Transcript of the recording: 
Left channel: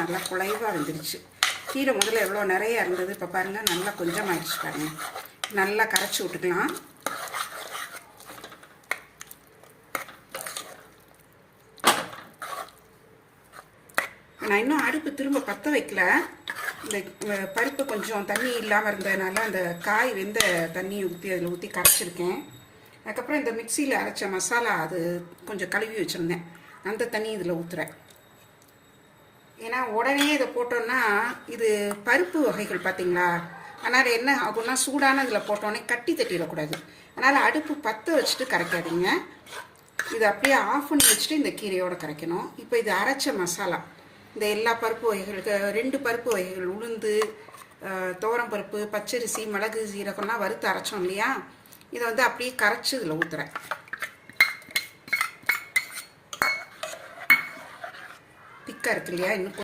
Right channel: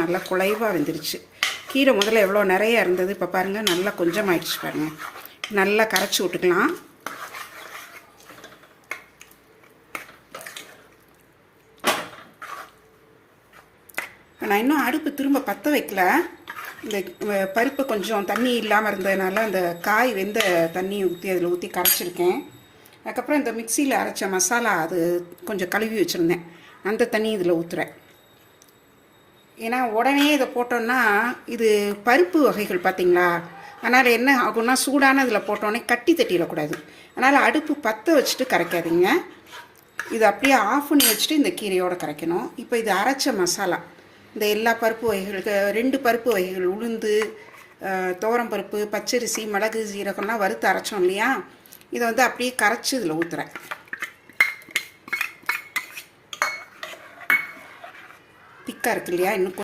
நல்லா குலைவாக வெந்துருச்சு. கீரை முதல்ல எவ்வளோ நிறைய இருந்தது, இப்போ பாருங்கள் நல்லா கொஞ்சம் ஆயிடுச்சு பாருங்கள். நல்லா கரைச்சி விட்டுக்கலாம். நான் இன்னும் அடுப்பு திரும்ப பற்ற வைக்கல. இந்த பருப்பு கொஞ்சம் தண்ணி இல்லாமல் இருந்ததுனால அந்த காய் வெந்த தண்ணியை ஊற்றி அதில் ஊற்றி கரைச்சிருக்கேன். அதுக்கப்புறம் இந்த மிக்சியில் அரைச்ச மசாலா அது கொஞ்சம் கழுவி வச்சுருந்தேன், அந்த தண்ணி இதில் ஊற்றுறேன். ஏன்னா உடனே இதை போட்டோன்னா இது பருப்பு வகைகள் பார்த்திங்களா, அதனால் என்ன ஆகுன்னா சூடான இதில் போட்டோன்னே கட்டி தட்டிடக்கூடாது. அதனால் அடுப்பு பற்ற வச்சுட்டு கரைக்காதீங்க. இது அப்படியே ஆஃப் பண்ணி வச்சுட்டு இந்த கீரையோடு கரைக்கணும். இப்போ இது அரைச்ச மசாலா, இந்த எல்லா பருப்பு வகைகளுக்கு 2 பருப்பு வகைகள், உளுந்து, துவரம்பருப்பு, பச்சரிசி, மிளகு, சீரகம்லாம் வறுத்து அரைச்சோம் இல்லையா, இதை வந்து அப்படியே கரைச்சி இதில் ஊற்றுறேன். திக்காக இருக்கு இல்லையா, இன்னும்